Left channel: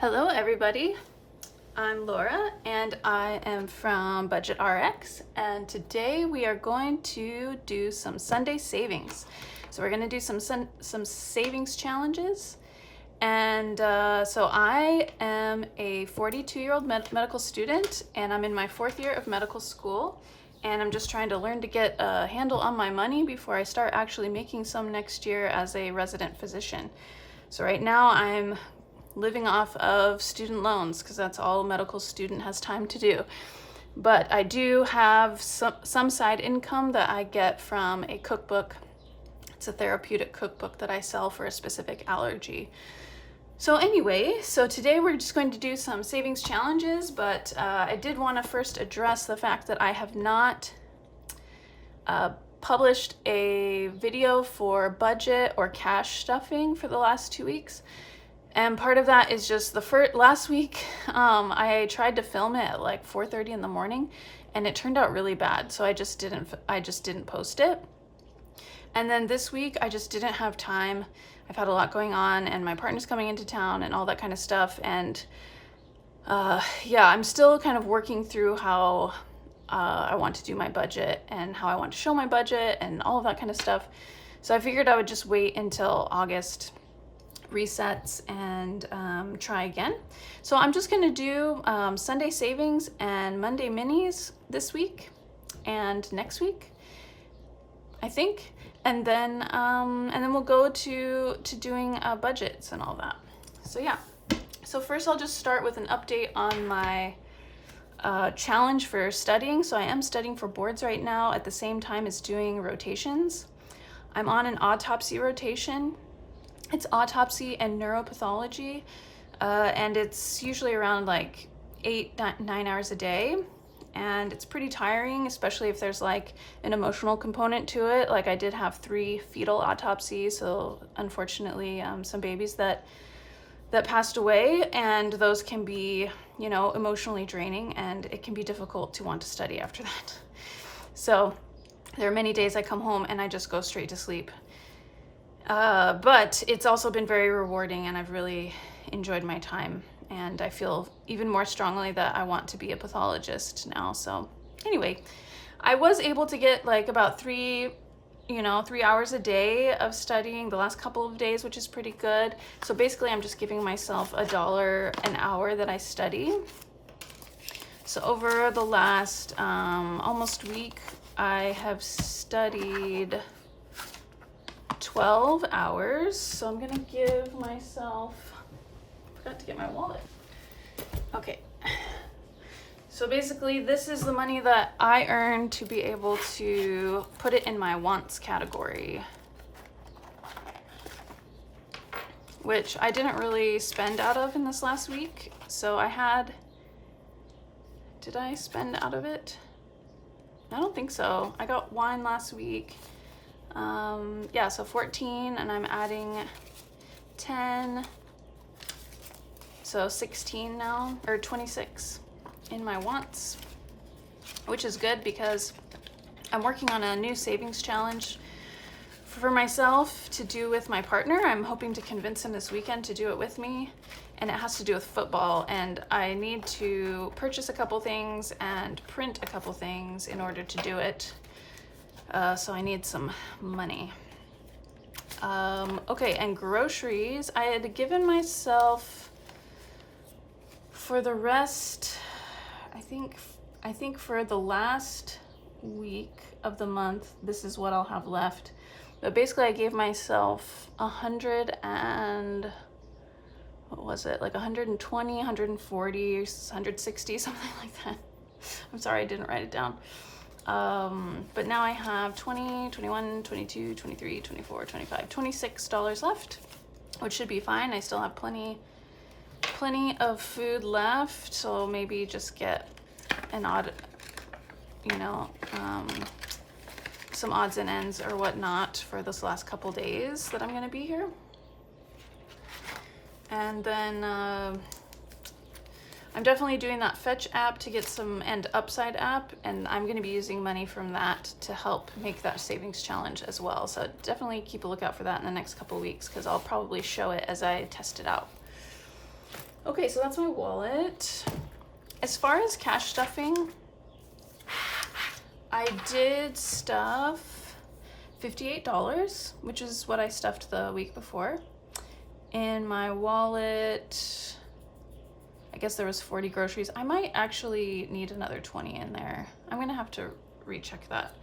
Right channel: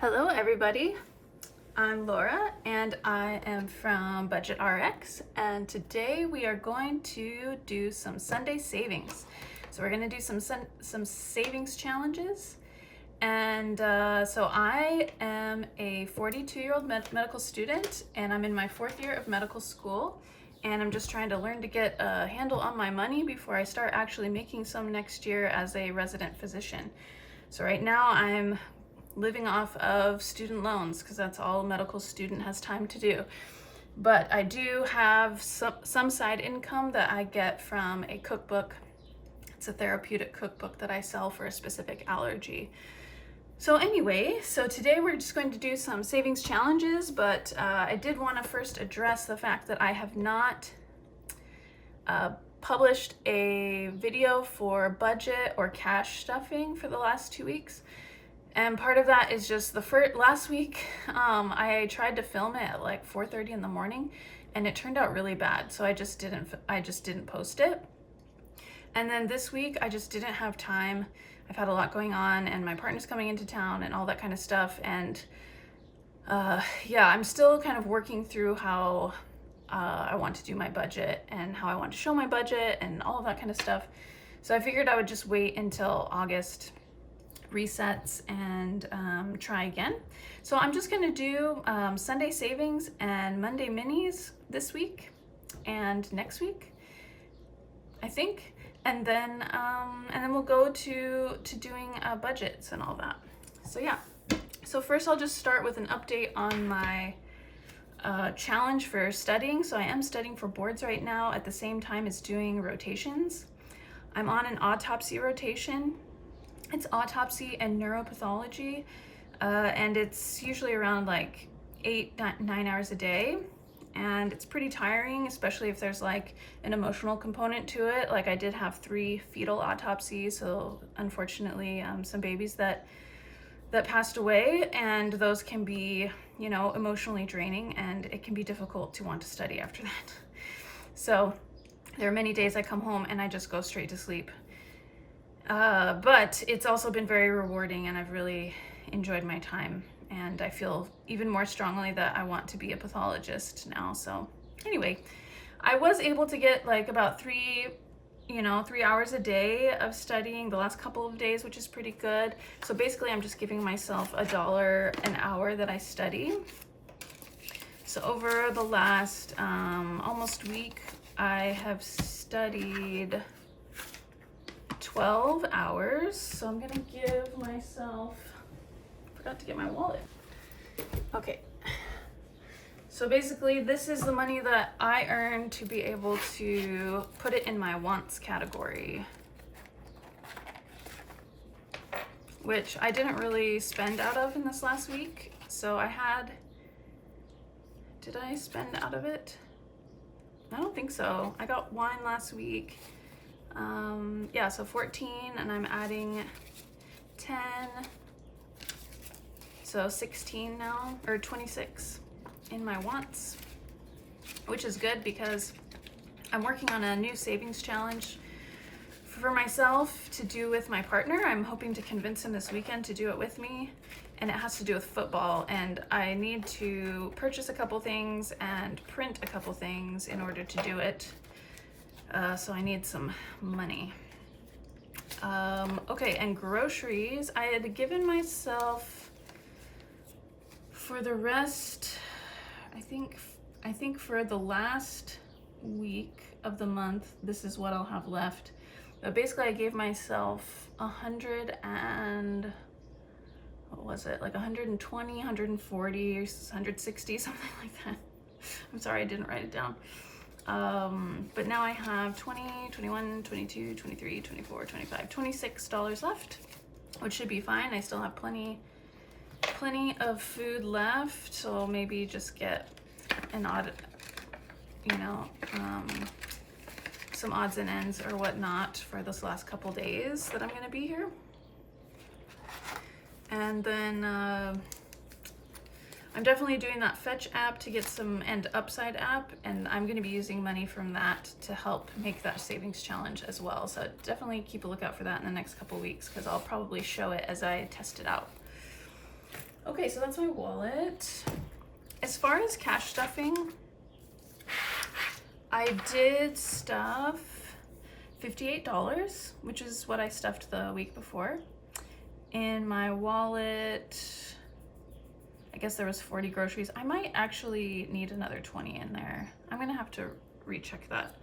Hello everybody, I'm Laura and I am from Budget RX, and today we are going to do some Sunday savings. So we're going to do some savings challenges, and so I am a 42-year-old medical student and I'm in my 4th year of medical school, and I'm just trying to learn to get a handle on my money before I start actually making some next year as a resident physician. So right now I'm living off of student loans because that's all a medical student has time to do. But I do have some side income that I get from a cookbook. It's a therapeutic cookbook that I sell for a specific allergy. So anyway, so today we're just going to do some savings challenges, but I did want to first address the fact that I have not published a video for budget or cash stuffing for the last 2 weeks. And part of that is just last week, I tried to film it at like 4:30 in the morning, and it turned out really bad. So I just didn't post it. And then this week, I just didn't have time. I've had a lot going on, and my partner's coming into town, and all that kind of stuff. And yeah, I'm still kind of working through how I want to do my budget and how I want to show my budget and all of that kind of stuff. So I figured I would just wait until August resets and try again. So I'm just going to do Sunday savings and Monday minis this week and next week, I think, and then we'll go to doing budgets and all that. So yeah, so first I'll just start with an update on my challenge for studying. So I am studying for boards right now at the same time as doing rotations. I'm on an autopsy rotation. It's autopsy and neuropathology, and it's usually around like 8-9 hours a day, and it's pretty tiring, especially if there's like an emotional component to it. Like I did have 3 fetal autopsies, so unfortunately some babies that passed away, and those can be, you know, emotionally draining, and it can be difficult to want to study after that. So there are many days I come home and I just go straight to sleep. But it's also been very rewarding, and I've really enjoyed my time, and I feel even more strongly that I want to be a pathologist now. So anyway, I was able to get like about 3 hours a day of studying the last couple of days, which is pretty good. So basically I'm just giving myself $1 an hour that I study. So over the last almost week, I have studied 12 hours. So I'm gonna give myself, forgot to get my wallet. Okay. So basically this is the money that I earned to be able to put it in my wants category, which I didn't really spend out of in this last week. So did I spend out of it? I don't think so. I got wine last week. Yeah, so 14, and I'm adding 10, so 16 now, or 26 in my wants, which is good because I'm working on a new savings challenge for myself to do with my partner. I'm hoping to convince him this weekend to do it with me, and it has to do with football, and I need to purchase a couple things and print a couple things in order to do it. So I need some money. Okay, and groceries. I had given myself for the rest, I think for the last week of the month, this is what I'll have left. But basically I gave myself 100 and, what was it? Like 120, 140, 160, something like that. I'm sorry, I didn't write it down. But now I have 20, 21, 22, 23, 24, 25, $26 left, which should be fine. I still have plenty of food left, so maybe just get an odd, some odds and ends or whatnot for this last couple days that I'm gonna be here. And then I'm definitely doing that Fetch app to get some, and Upside app, and I'm going to be using money from that to help make that savings challenge as well. So definitely keep a lookout for that in the next couple weeks, because I'll probably show it as I test it out. Okay. Okay, so that's my wallet. As far as cash stuffing, I did stuff $58, which is what I stuffed the week before. In my wallet, I guess there was 40 groceries. I might actually need another 20 in there. I'm gonna have to recheck that.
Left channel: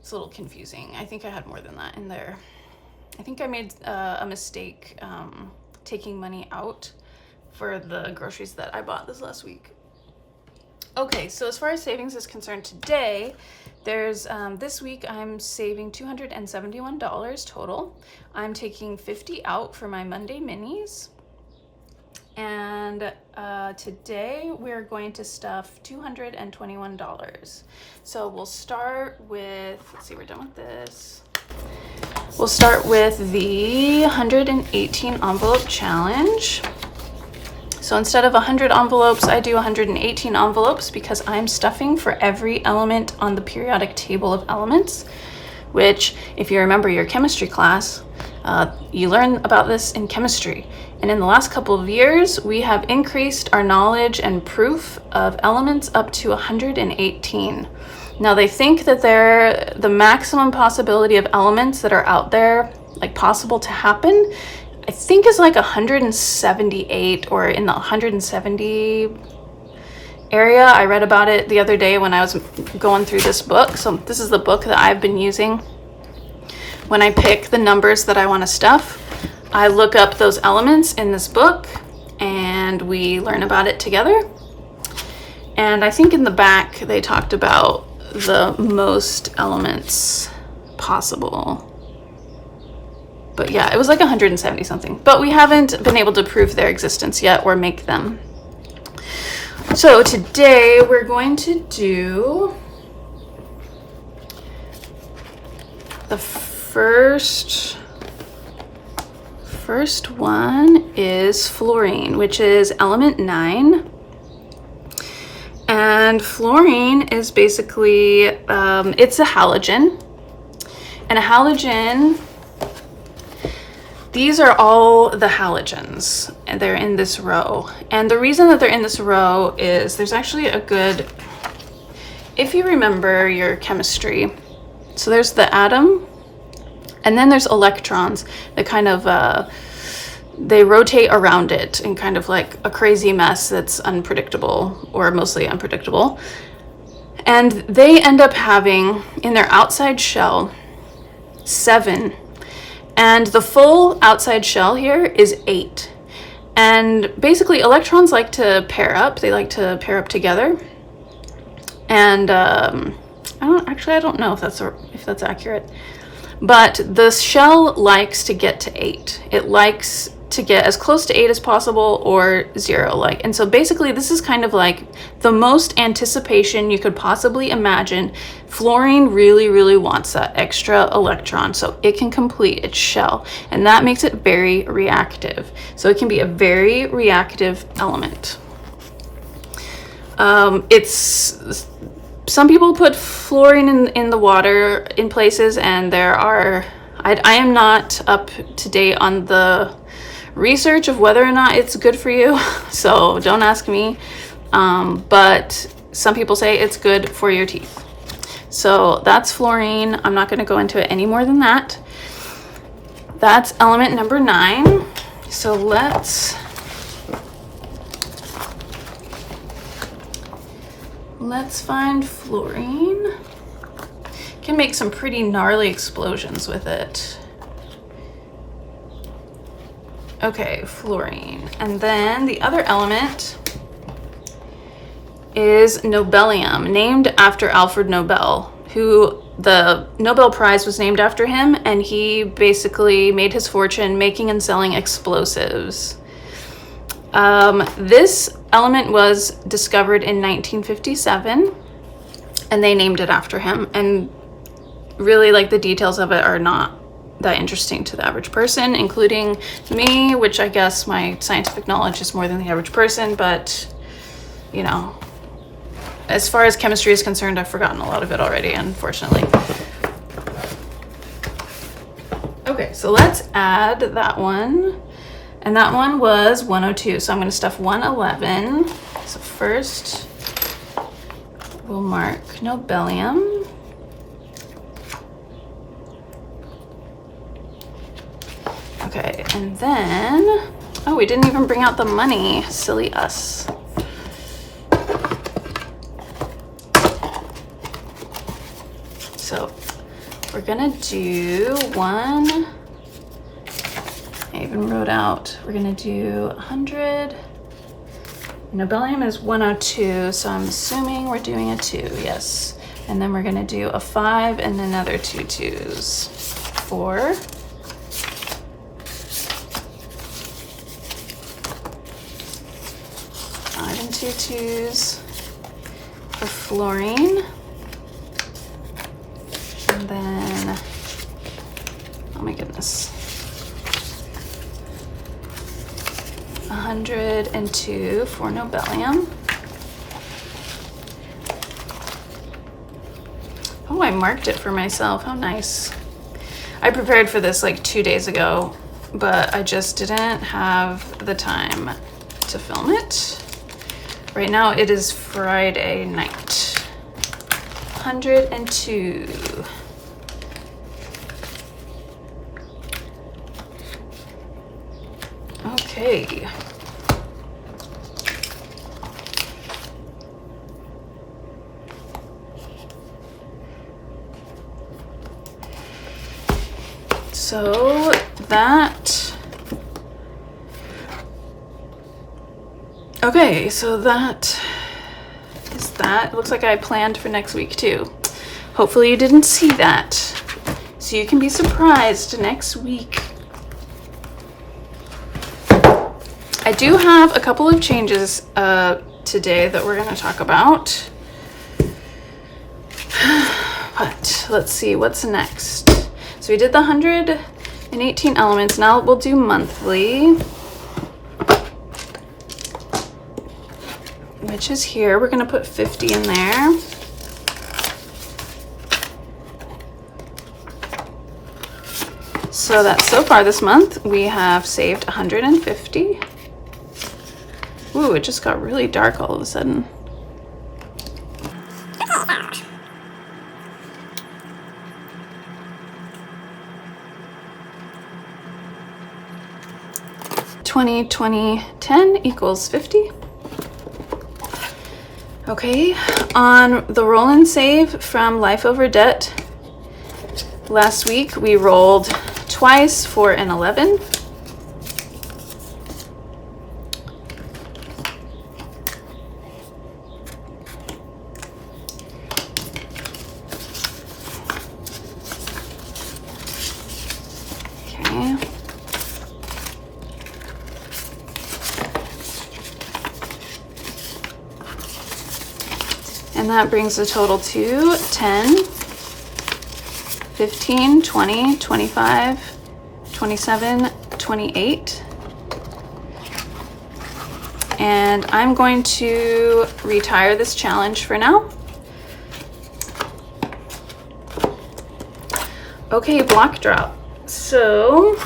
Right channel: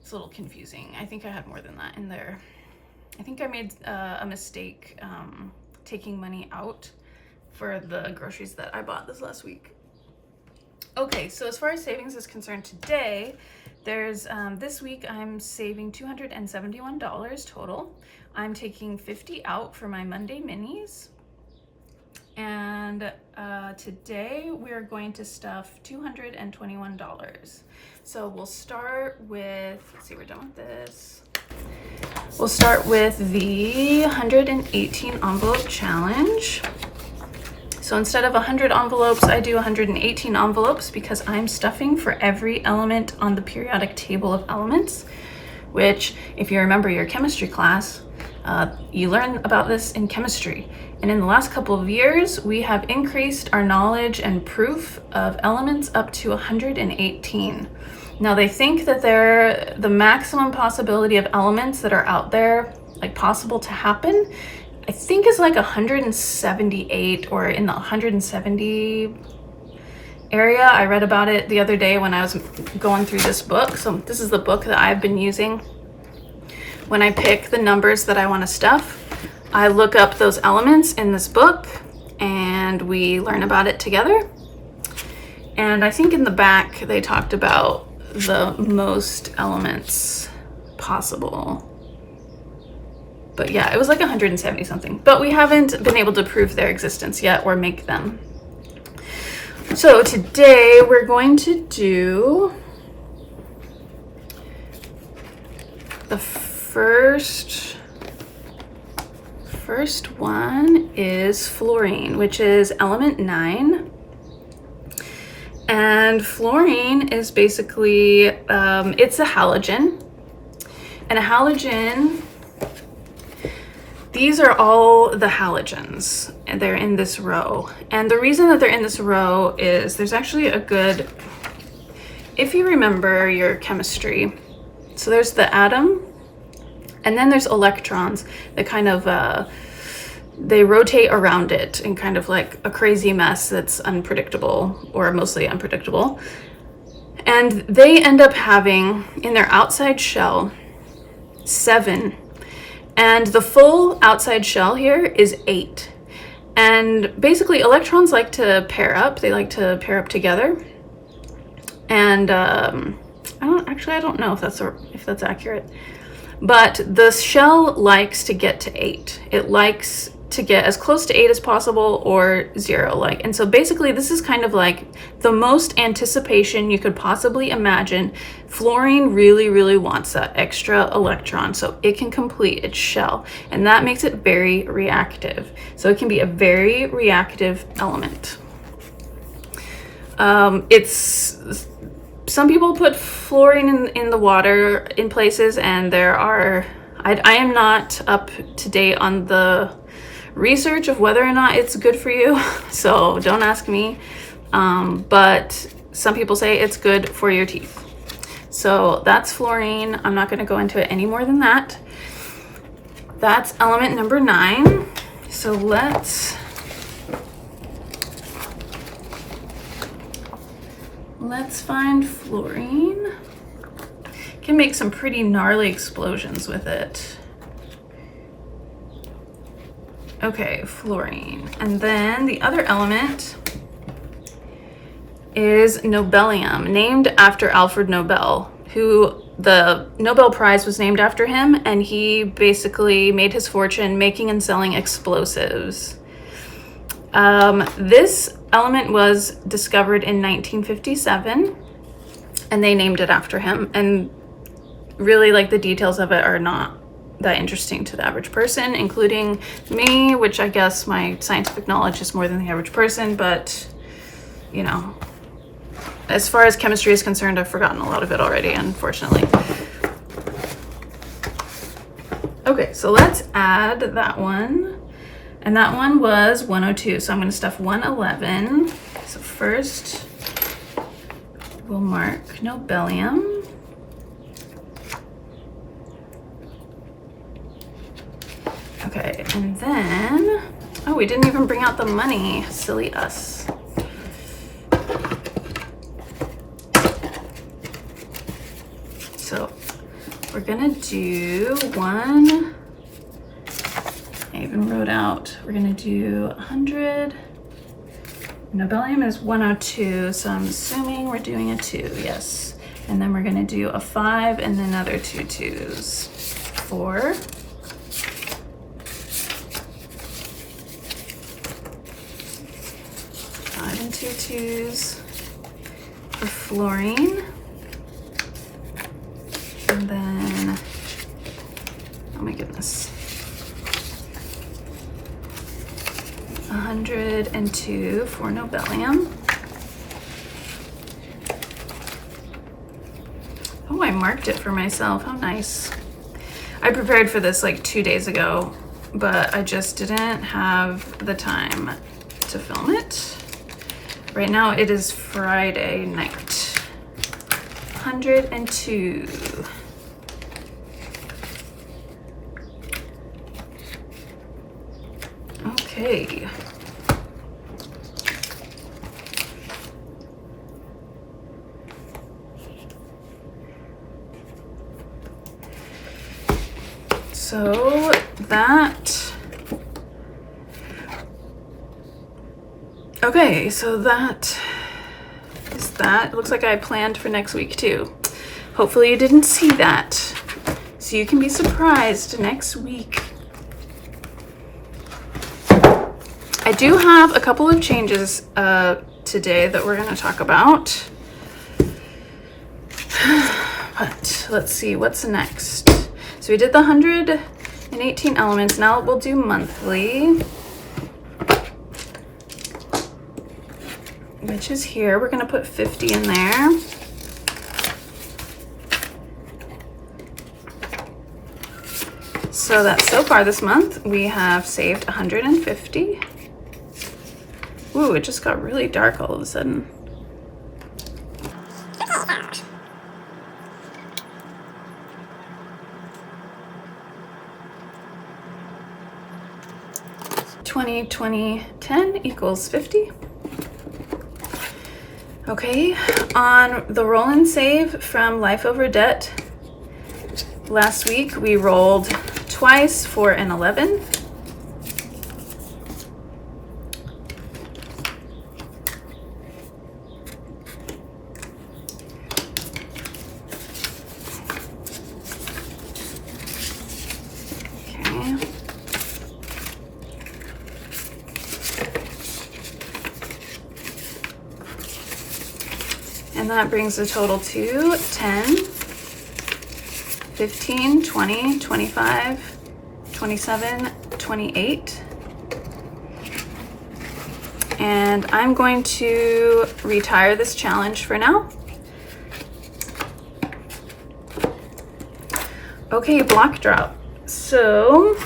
It's a little confusing. I think I had more than that in there. I think I made a mistake taking money out for the groceries that I bought this last week. Okay, so as far as savings is concerned today, there's this week I'm saving $271 total. I'm taking 50 out for my Monday minis. And today we're going to stuff $221. So we'll start with, let's see, we're done with this. We'll start with the 118 envelope challenge. So instead of 100 envelopes, I do 118 envelopes because I'm stuffing for every element on the periodic table of elements, which, if you remember your chemistry class, you learn about this in chemistry. And in the last couple of years, we have increased our knowledge and proof of elements up to 118. Now they think that the maximum possibility of elements that are out there, like possible to happen, I think is like 178 or in the 170 area. I read about it the other day when I was going through this book. So this is the book that I've been using when I pick the numbers that I want to stuff. I look up those elements in this book and we learn about it together. And I think in the back they talked about the most elements possible. But yeah, it was like 170 something. But we haven't been able to prove their existence yet or make them. So today we're going to do the first one is fluorine, which is element 9. And fluorine is basically, it's a halogen. And a halogen, these are all the halogens, and they're in this row. And the reason that they're in this row is there's actually a good, if you remember your chemistry, so there's the atom, and then there's electrons that kind of, they rotate around it in kind of like a crazy mess that's unpredictable, or mostly unpredictable. And they end up having, in their outside shell, 7. And the full outside shell here is 8. And basically electrons like to pair up. They like to pair up together. And I don't know if that's accurate. But the shell likes to get to 8. It likes to get as close to 8 as possible, or 0. And so basically this is kind of like the most anticipation you could possibly imagine. Fluorine really, really wants that extra electron so it can complete its shell, and that makes it very reactive. So it can be a very reactive element. Some people put fluorine in the water in places, and I am not up to date on the research of whether or not it's good for you, so don't ask me. But some people say it's good for your teeth. So that's fluorine. I'm not going to go into it any more than that. That's element number 9. So let's find fluorine. Can make some pretty gnarly explosions with it. Okay, fluorine. And then the other element is nobelium, named after Alfred Nobel, who the Nobel Prize was named after him, and he basically made his fortune making and selling explosives. This element was discovered in 1957, and they named it after him. And really, like, the details of it are not that interesting to the average person, including me, which I guess my scientific knowledge is more than the average person, but you know, as far as chemistry is concerned, I've forgotten a lot of it already, unfortunately. Okay, so let's add that one. And that one was 102, so I'm gonna stuff 111. So first, we'll mark nobelium. Okay, and then, oh, we didn't even bring out the money. Silly us. So we're gonna do one, I even wrote out, we're gonna do 100. Nobelium is 102, so I'm assuming we're doing a 2, yes. And then we're gonna do a 5 and another 2 2s. 4. 5 and 2 2s for fluorine. And then, oh my goodness, 102 for nobelium. Oh, I marked it for myself. How nice. I prepared for this like 2 days ago, but I just didn't have the time to film it. Right now it is Friday night. 102. Okay. So that, okay, so that is that. It looks like I planned for next week too. Hopefully you didn't see that, so you can be surprised next week. I do have a couple of changes today that we're going to talk about. But let's see what's next. So we did the 118 elements. Now we'll do monthly, which is here. We're going to put 50 in there. So that's so far this month. We have saved 150. Ooh, it just got really dark all of a sudden. $20, $20, $10 equals 50. Okay, on the roll and save from Life Over Debt, last week we rolled twice for an 11. And that brings the total to 10, 15, 20, 25, 27, 28. And I'm going to retire this challenge for now. Okay, block drop. So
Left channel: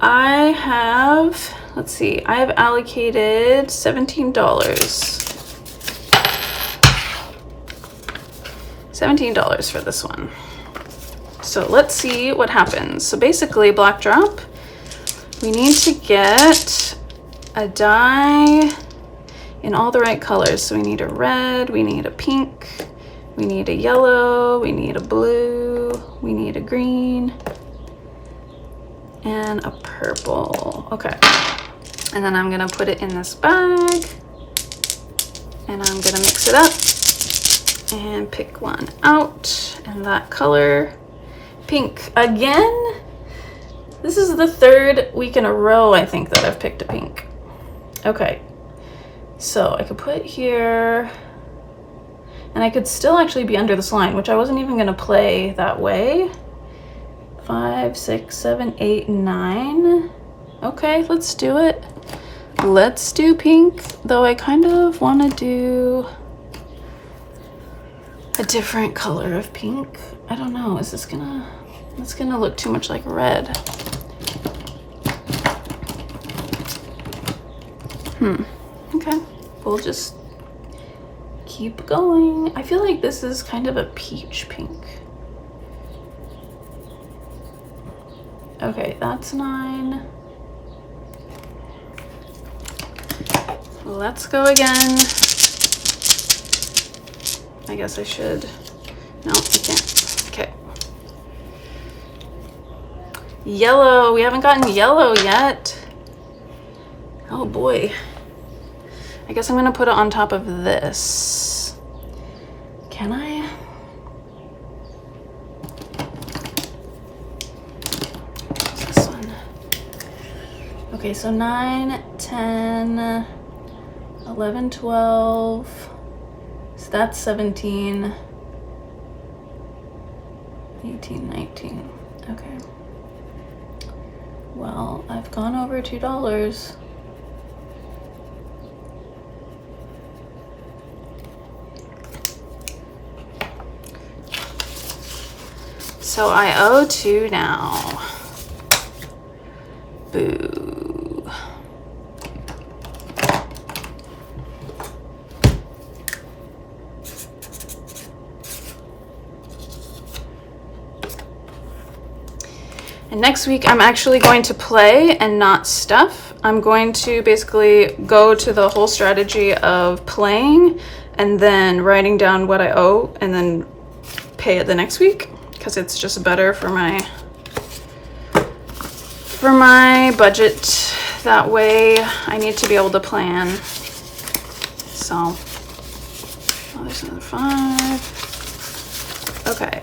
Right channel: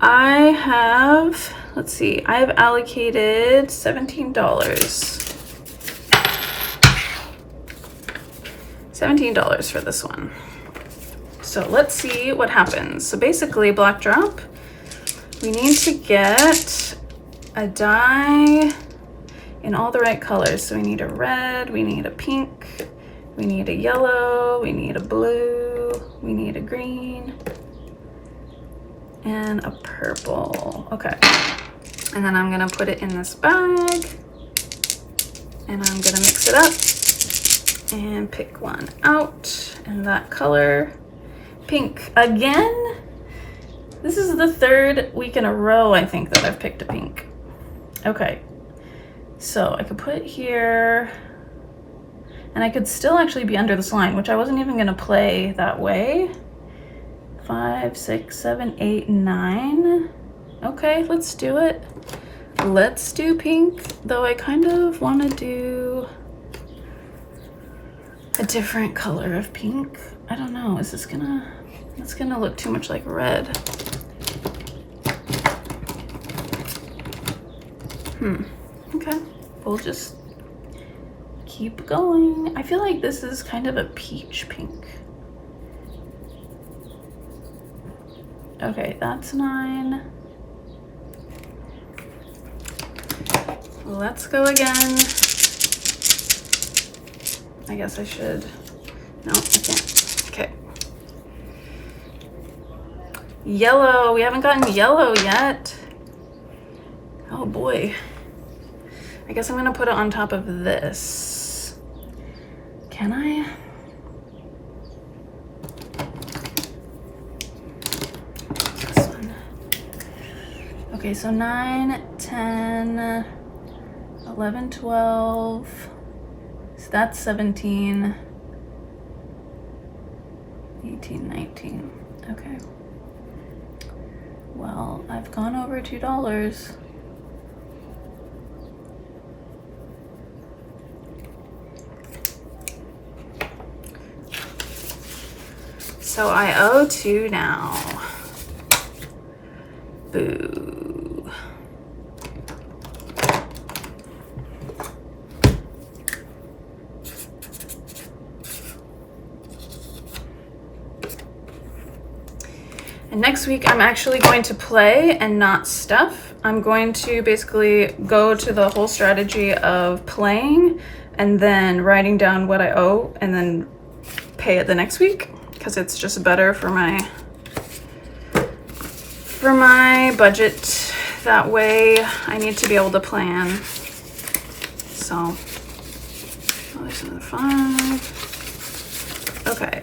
I have, let's see, I have allocated $17. $17 for this one. So let's see what happens. So basically, block drop, we need to get a die in all the right colors. So we need a red, we need a pink, we need a yellow, we need a blue, we need a green, and a purple. Okay. And then I'm gonna put it in this bag, and I'm gonna mix it up and pick one out, and that color, pink again. This is the third week in a row, I think, that I've picked a pink. Okay, so I could put here, and I could still actually be under this line, which I wasn't even gonna play that way. 5, 6, 7, 8, 9. Okay, let's do it. Let's do pink, though I kind of want to do a different color of pink. I don't know, is this gonna, it's gonna look too much like red. Okay, we'll just keep going. I feel like this is kind of a peach pink. Okay, that's 9. Let's go again. I guess I should. No, I can't. Okay. Yellow. We haven't gotten yellow yet. Oh boy. I guess I'm gonna put it on top of this. Can I? This one. Okay, so 9, 10, 11, 12. So that's 17, 18, 19. Okay. Well, I've gone over $2. So I owe 2 now. Boo. And next week I'm actually going to play and not stuff. I'm going to basically go to the whole strategy of playing and then writing down what I owe and then pay it the next week, because it's just better for my budget. That way I need to be able to plan. So, oh, there's another 5. Okay,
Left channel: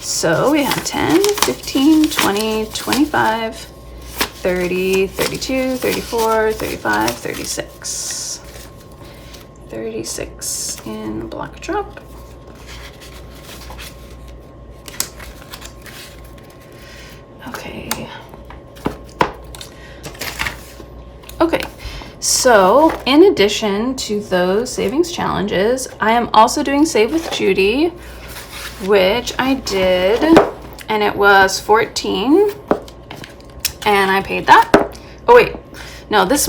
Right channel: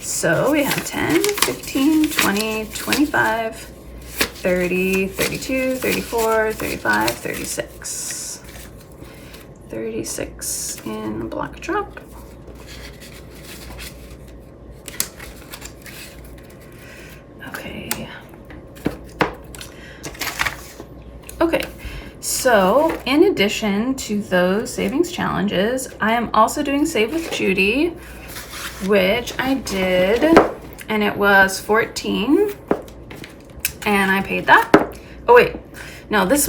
so we have 10, 15, 20, 25, 30, 32, 34, 35, 36. 36 in black drop. Okay, so in addition to those savings challenges, I am also doing Save with Judy, which I did, and it was 14, and I paid that. Oh wait, no, this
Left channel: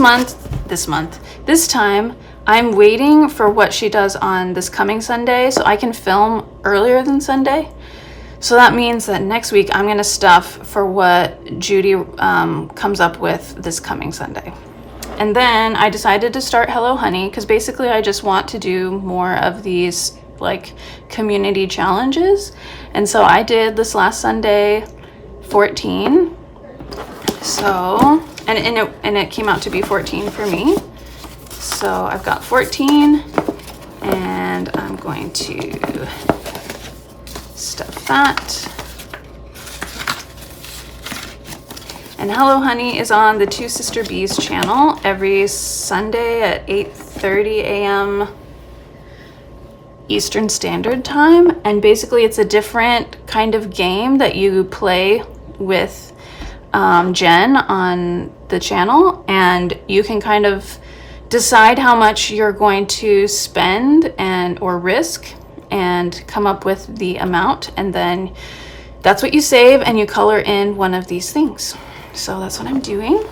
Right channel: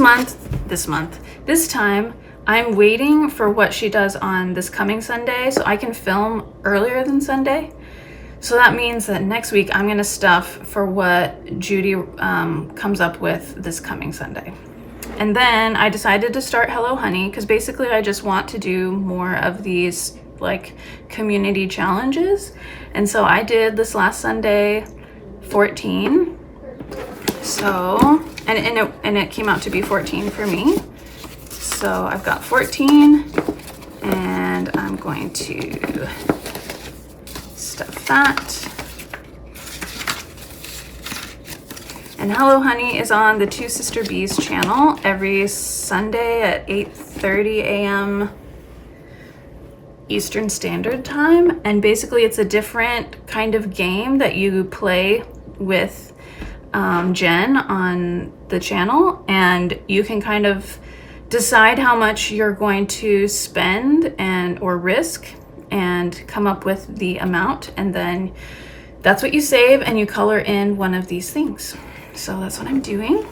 time, I'm waiting for what she does on this coming Sunday, so I can film earlier than Sunday. So that means that next week I'm gonna stuff for what Judy comes up with this coming Sunday. And then I decided to start Hello Honey, because basically I just want to do more of these like community challenges. And so I did this last Sunday 14. So, and it came out to be 14 for me. So I've got 14, and I'm going to stuff that. And Hello Honey is on the Two Sister Bees channel every Sunday at 8:30 a.m. Eastern Standard Time. And basically it's a different kind of game that you play with Jen on the channel, and you can kind of decide how much you're going to spend or risk and come up with the amount, and then that's what you save, and you color in one of these things. So that's what I'm doing.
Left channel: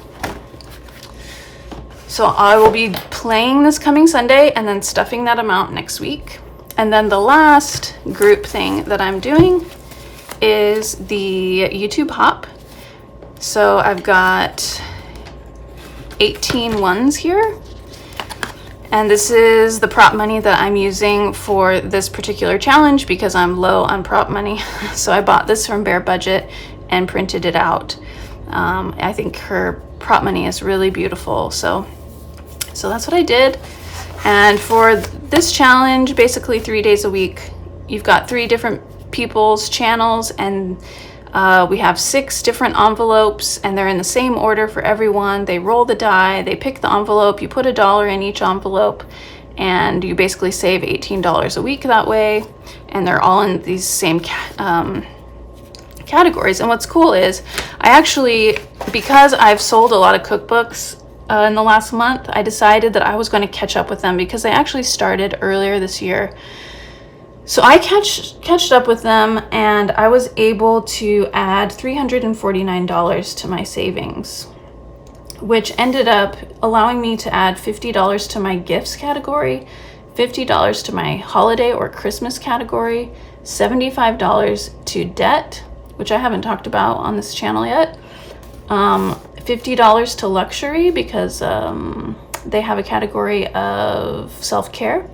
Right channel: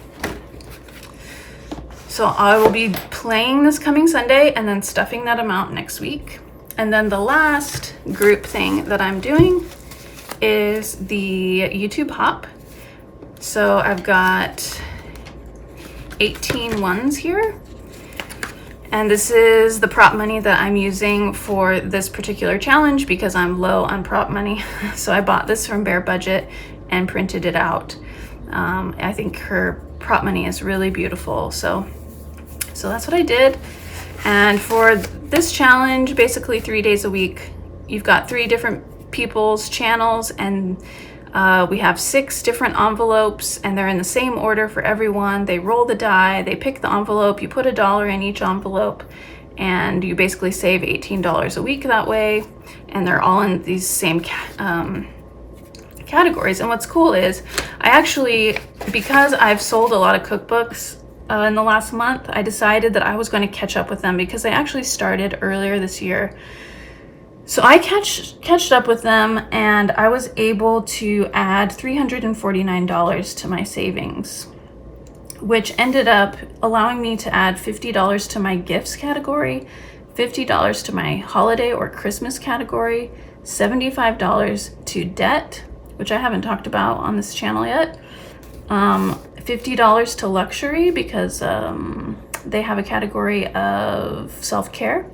So I will be playing this coming Sunday and then stuffing that amount next week. And then the last group thing that I'm doing is the YouTube hop. So I've got 18 ones here. And this is the prop money that I'm using for this particular challenge because I'm low on prop money. So I bought this from Bare Budget and printed it out. I think her prop money is really beautiful. So that's what I did. And for this challenge, basically 3 days a week, you've got 3 different people's channels, and we have 6 different envelopes, and they're in the same order for everyone. They roll the die, they pick the envelope, you put $1 in each envelope, and you basically save $18 a week that way. And they're all in these same categories. And what's cool is I actually, because I've sold a lot of cookbooks in the last month, I decided that I was going to catch up with them because they actually started earlier this year. So I catched up with them, and I was able to add $349 to my savings. which ended up allowing me to add $50 to my gifts category, $50 to my holiday or Christmas category, $75 to debt, which I haven't talked about on this channel yet, $50 to luxury because they have a category of self-care,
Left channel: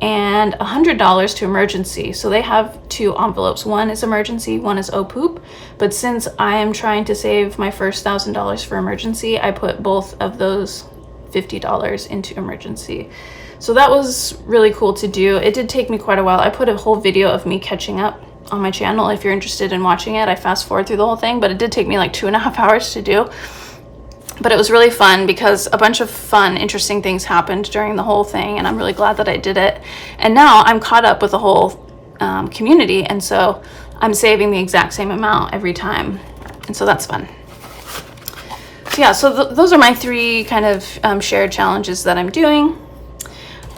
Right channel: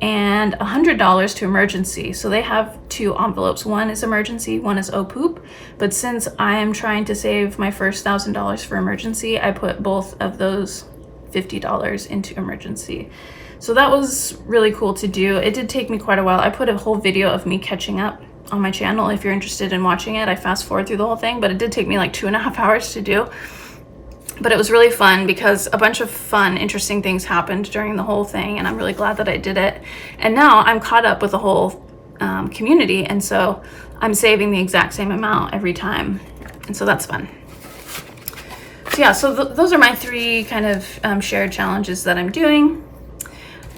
and $100 to emergency. So they have two envelopes. One is emergency, one is oh poop. But since I am trying to save my first $1,000 for emergency, I put both of those $50 into emergency. So that was really cool to do. It did take me quite a while. I put a whole video of me catching up on my channel. If you're interested in watching it, I fast forward through the whole thing, but it did take me like 2.5 hours to do. But it was really fun because a bunch of fun, interesting things happened during the whole thing, and I'm really glad that I did it. And now I'm caught up with the whole community, and so I'm saving the exact same amount every time, and so that's fun. So yeah, so those are my 3 kind of shared challenges that I'm doing.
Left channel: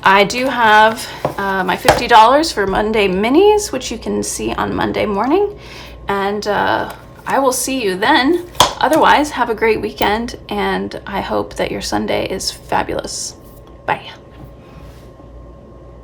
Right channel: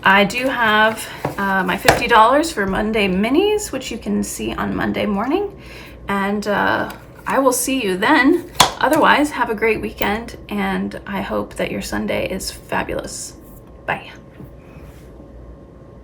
I do have my $50 for Monday minis, which you can see on Monday morning, and I will see you then. Otherwise, have a great weekend, and I hope that your Sunday is fabulous. Bye.